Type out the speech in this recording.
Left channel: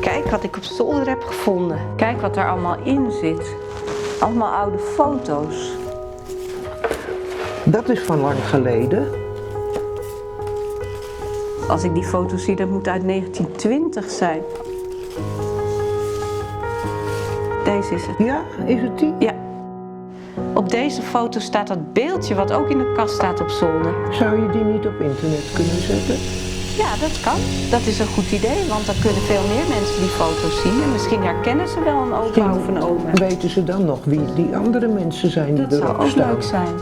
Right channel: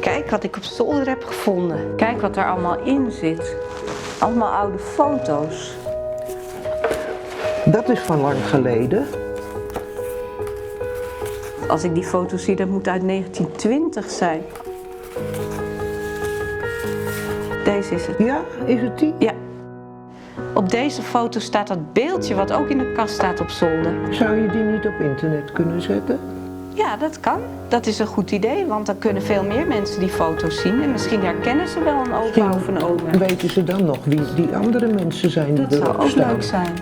Kijk wat ik op zolder heb gevonden. Kijk wat er allemaal in zit. Allemaal oude foto's. Dat is van lang geleden. Als ik die foto zie, dat moet uit 1920 zijn. Deze is het. Ja, is het die? Ja. Op deze foto staat dat beeldje wat ook in de kast staat op zolder. Zou je die niet op internet kunnen zetten? Ja, dat kan. Dat is een goed idee, want dan kunnen veel meer mensen die foto's zien. En misschien herkennen ze wel een opa of een oma. Weten ze dan nog wie die andere mensen zijn die Dat zou erop ook staan? leuk zijn.